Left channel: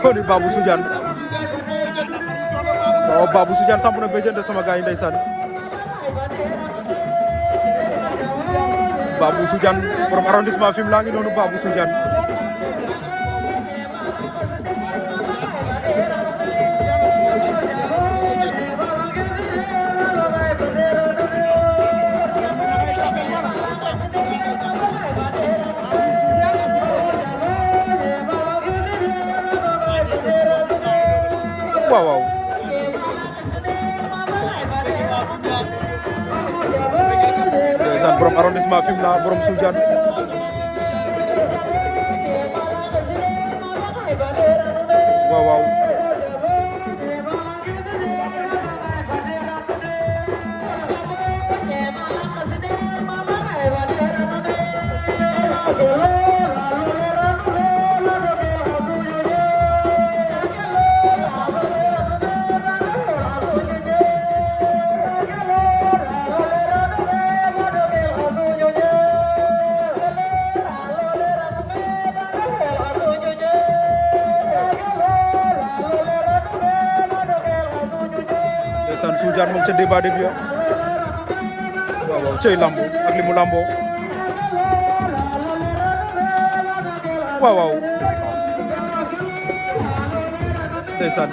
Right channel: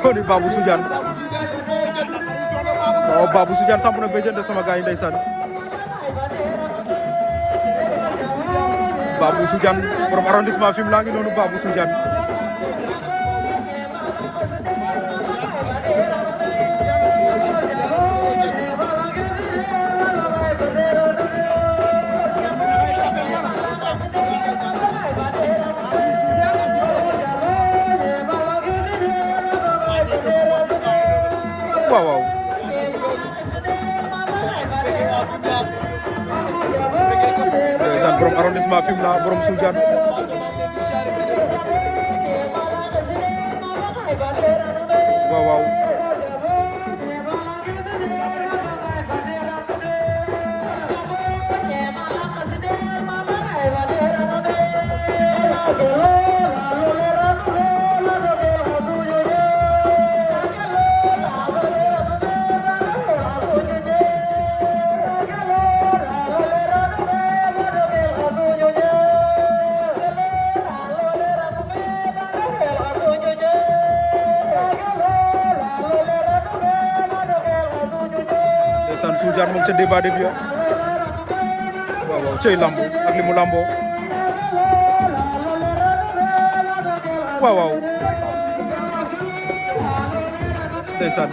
di Babou Soudiane waaw Babou Soudiane samp na béjjën sama gars yi ndeysaan Babou Soudiane borom arrondissement Fimela ngi noonu Babou Soudiane waaw waaw ndeysaan borom arrondissement Fimela borom Soudiane waaw waaw ndeysaan Soudiane moom ca débat de biir waaw waaw cey lambo ak li mu lambo waaw waaw ndeysaan